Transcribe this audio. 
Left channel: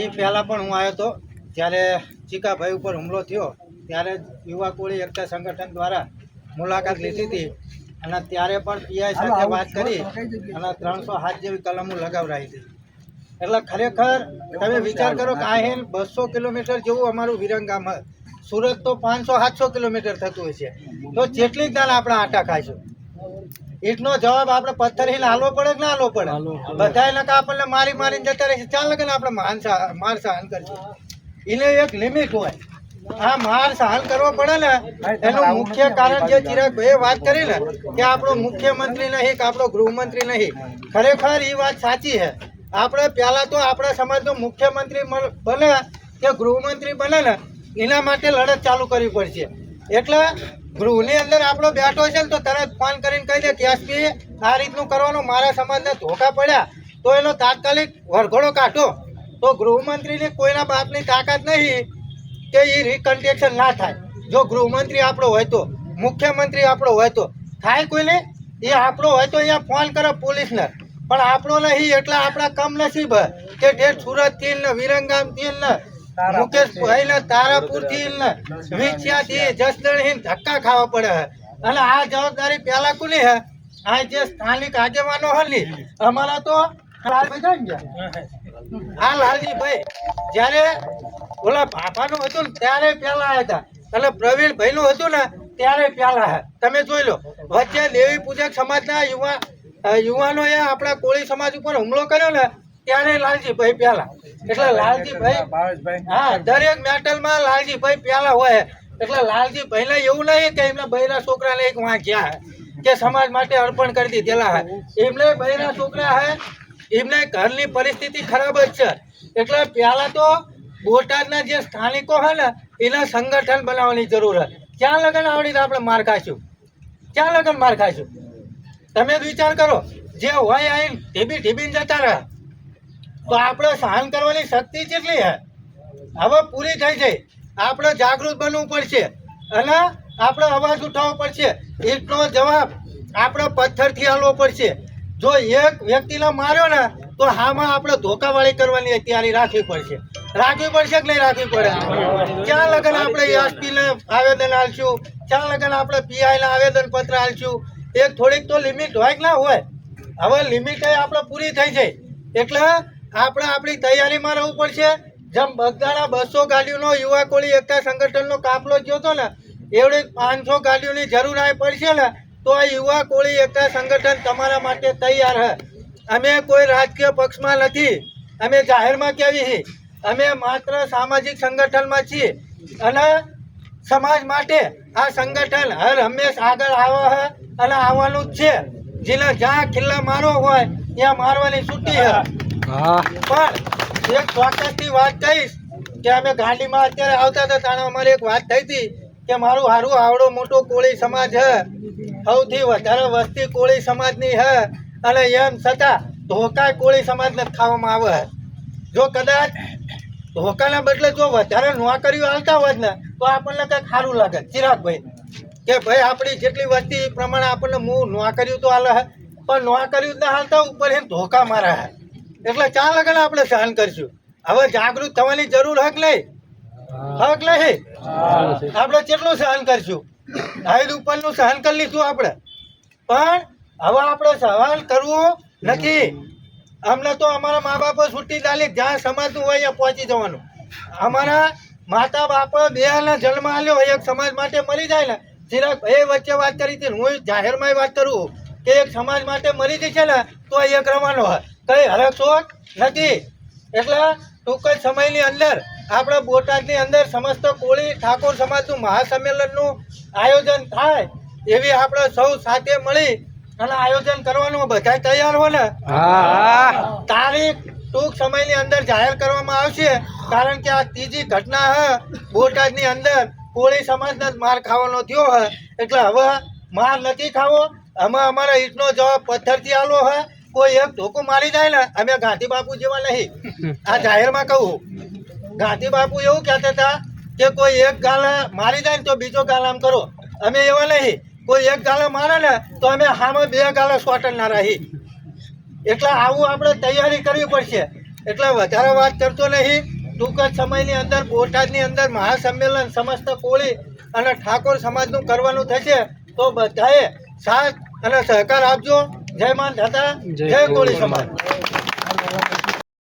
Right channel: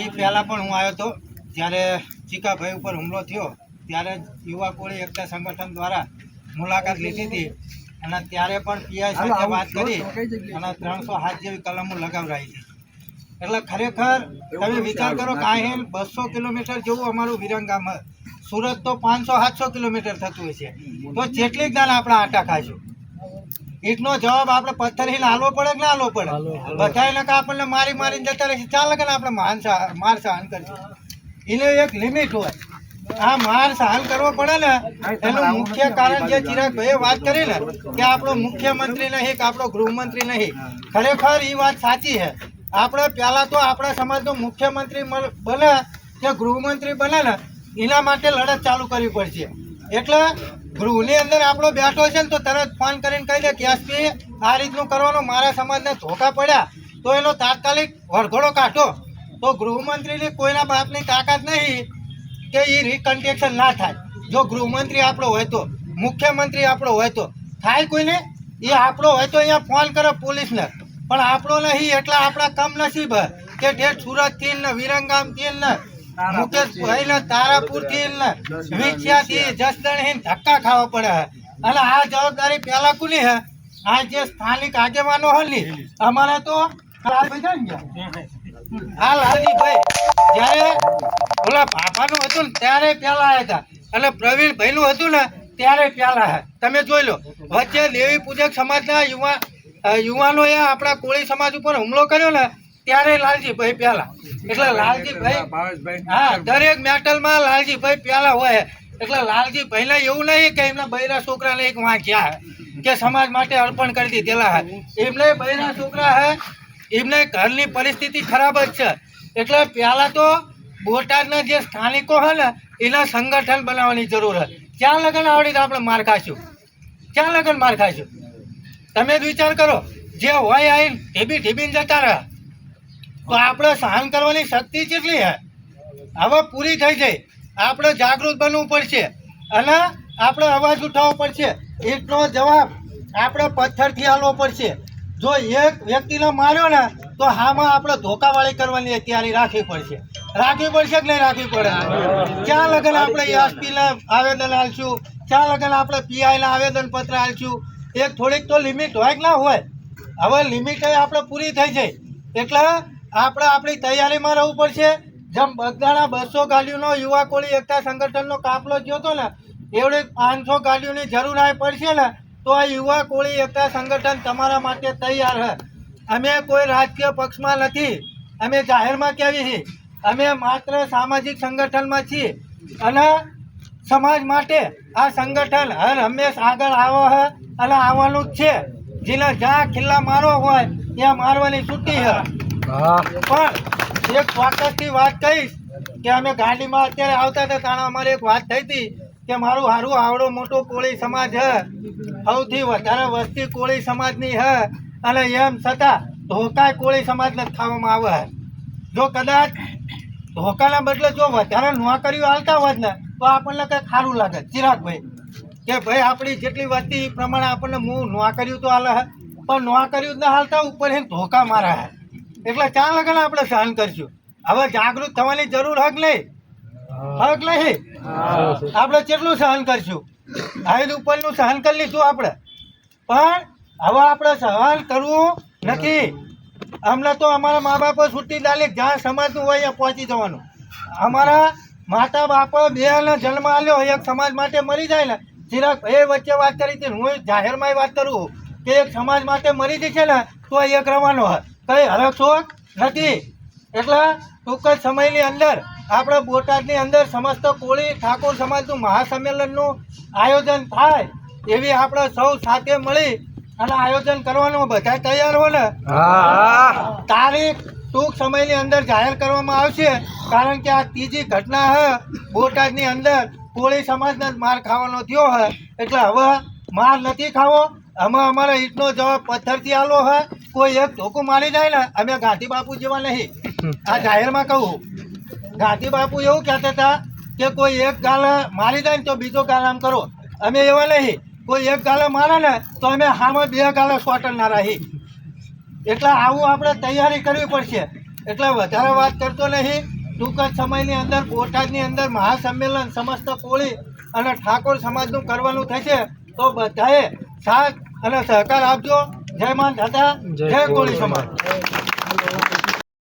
એ પહેલાં પણ હું આવ્યો હતો ત્યારે ચીકાભાઈ ઉપર હુમલો થયો ત્યારે યુવા કોળી એકતા સંગઠન દ્વારા મુલાકાત લીધી હતી અને ત્યારે પણ પીઆઈ સાથે વાત કરી અને 307 જેવી કલમો લગાવરાઈ હતી. એટલે ખરેખર તમે વિચાર કરો કે અહીં 200 કિલોમીટર જેવું અમારું વિરંગામ, સુરત તો 500-700 કિલોમીટર થતું હોય છે, તો જેટલી દાન આપણે આટા ખાઈશું. ઈટનો જવાબ આપણે પથ્થર હાલવો પડે કે ના હાલવો પડે? બધા નકા આપણને મારીને જતા રહેશે, ચાલે કે આપણે માર સહન કરીશું. એને એક લિમિટ હોય. આ માર સહન કરવો પડે ને એનું મુખ્ય કારણ જે ચિરાગભાઈએ વાત કરી ને કે આપણો મુખ્યમંત્રી નહીં કે આપણો ગૃહમંત્રી નહીં, ખરેખર એ વાત સાચી છે. આપણે પહેલા તો આપણા સમાજનો મુખ્યમંત્રી બને કે ગૃહમંત્રી બને ને એના માટે લડત ચાલુ કરવી પડશે. એટલે ગૃહની અંદર આપણો બેઠો છે ને તો તરત ફોન કરીને કહી દે કે એસપી આ રીતનું કરવાનું, મારા સમાજને ધોકા પડ્યા તો એનો તાત્કાલિક વરઘોડો કાઢો. તો ગૃહમંત્રીની કોઈના બાપની તાકાત નહીં કે એ રિકન્સ્ટ્રક્શન ના થાય. જો ગૃહમંત્રી આપણો હોય તો, મુખ્યમંત્રી આપણો હોય તો થાય કોઈને, એ આપણો હોય તો અહીંયા ફોન કરે પોલીસને, પણ આપણો નહીં. એટલે આપણા કમનસીબ કે જે સુરતથી ને વિરંગામથી ને મુકેશભાઈ ને તારાપુરથી ને વિછિયાથી જસદણથી ધક્કા ખાવા પડે. અને આ જવાબદારી પહેલા કોની હે? આ જે સ્થાનિક આગેવાનો હોય ને અમારા તો હા લાલજીભાઈ જ્યારે ઓલા ભાભાનું હતું ને ત્યારે પહેલા આવ્યા હતા અને પ્રવીણભાઈનું હતું ને ત્યારે પહેલા હે. તમે જોઈ લો વચ્ચે દેવી પૂજક સમાજના યુવાનોએ આપણા કોળી સમાજ ઉપર હુમલો કર્યો ને ત્યારે લાલજીભાઈ પહેલા. એટલે લાલજીભાઈ હા દરેક મેટલમાં લાલજીભાઈ પહેલા હોય. એટલે લાલજીભાઈને એવું નહીં કે એમના બૈરા છોકરાને એક વાંચ્યા કે સમાજ માટે અર્પણ કરી દીધેલા હે. એમને બૈરા છોકરા હે, એમને ઘરની પરિસ્થિતિ ખરાબ જ છે. એટલે પહેલા તો બોટાદના જે સ્થાનિકો હે ને એના સંગઠન બનાવવાની જરૂર છે. ક્યાં લગન આવડી તો આપણે માર ખાઈશું? ક્યાં લગન માર ખાઈશું? તમે જ વિચાર કરો, જે હોય આવીને ઢીબીને જતા રહે તો આપણે સહન કરવાની શક્તિ કેટલી હે? હવે પૂરી થઈ જાય. આપણે જાગૃત બનવું પડશે અને આપણે અવાજ ઉઠાવવો પડશે. એટલો જવાબ આપણે પથ્થરથી આલવો પડશે. જો એક વ્યક્તિને માર્યો ને તો હામાં આપણે ધોકાવાળી કરવાની તૈયારી રાખવી પડશે કે નહીં રાખવી પડે? ક્યાં લગન આપણે એસપીને આવેદન આલશું? ક્યાં લગન આપણે પીઆઈને આવેદન પત્ર આલશું? એક થોડીક તો લિમિટ હોય કે ના હોય? હવે લિમિટ આપણે પૂરી થઈ જાય એટલે આપણે આપણી તૈયારીમાં રહેવું પડશે. જેમ બગદાણા 200 ગાડીઓનો યુવા કોળી એકતા સંગઠનનો કાફલો ગયો હતો ને એવડી 500 ગાડીઓની જરૂર આવી પડશે ને તો આ યુવા કોળી એકતા સંગઠન તમારા માટે તૈયાર છે. અમે કોઈ રાજકીય પક્ષમાં નથી, અમે જાહેરમાં કહેવી છીએ, અમે માત્ર સામાજિક સંગઠનમાં છીએ અને સમાજ માટે આ સંગઠન હર હંમેશ આગળ આવે છે અને આવવાનું જ છે. જેને જ્યાં ખિલ્લા મારો હોય ત્યાં મારવાની છૂટી છે. પણ એક ચોક્કસથી વાત કહીશ કે અમે ગાડીમાં અત્યારે આવતા હતા ત્યારે અમારી એક વાત થઈ હતી કે મારું હારું આવડો મોટો કોળી સમાજ છે, સૌથી વધારે વસ્તી કોળી સમાજની છે અને એમ છતાં ધોકા કોળી સમાજને ખાવામાં આવે છે. જો કદાચ ધોકાના બદલે જો વધારે નોકરીઓ હાલતા હોત ને તો આપણને કંઈક સારું લાગે ચિરાગભાઈ કે ભાઈ આપણી જેટલી વસ્તી એ પ્રમાણે આપણને નોકરીઓ તો હાલે છે, પણ નોકરીઓ ના હાલતા ઉપર એને ધોકા મારે છે. એટલે ચાર લગન આપણે સહન કરશું. હવે જાગૃત થવાની જરૂર હક નહીં? આપણે કેટલું સહન કરશું? હાઈડ ઉપરનું સહન કરી લીધું આપણે, પણ હવે આપણે સહન કરવું નથી. અમને તો અમારા મા બાપો છૂટી દાલી જ્યાં સમાજનું હોય ત્યાં પહોંચી જવાનું. અમારા માતા બાપા બેને જન્મ આલ્યો એક સમાજ માટે મરી જાય ને. ચિરાગ એ વચ્ચે વાત કરી હતી, હું જાહેરમાં વાત કરું કે એક સમાજ માટે મરી જશે ને તો એક રવાનો હોય, કઈ હરકશોખ નથી. એટલે ટૂંક જ સમયની અંદર આપણે બોટાદની અંદર સમસ્ત કોળી ઠાકોર સમાજનું મહાસંમેલનનું આયોજન થાય એવી આપણે સૌ સાથે મળી અને આયોજન કરવાનું બધા તૈયાર હોય ને તારીખ ટૂંક સમયની અંદર જાહેર કરવામાં આવશે. કારણ કે આ ત્રીજી ઘટના છે બોટાદની અંદર કોળી સમાજને માર ખાવાનો થયો છે. એટલે હવે માર નથી ખાવો, અમે અમારા ઈટનો જવાબ પથ્થરથી આલો છે. કોઈ એક ધોકું મારી જાય ને અમે ગાંધી બાપુ જેવા નહીં. આ જાહેરમાં કહું, ગાંધી બાપુ એવું કહેતા હતા કે કોઈ એક ગાલ મારી જાય ને તો બીજો ગાલ આમ કરો. અમે એવા નહીં, કોઈ એક ગાલો મારે ને તો અમે હામાં બે ગાલો સ્વાટરના રહી. એટલે આવું આપણે તૈયારી કરવી પડશે. એટલે વધારે વાત કરતો નહીં. ટૂંક જ સમયની અંદર બોટાદની અંદર મહાસંમેલન સમસ્ત કોળી અને ઠાકોર સમાજનું કરવાનું થશે. તો બધાએ સાથ અને સહકાર આપજો. જય માન દાદા, જય કોળી સમાજ.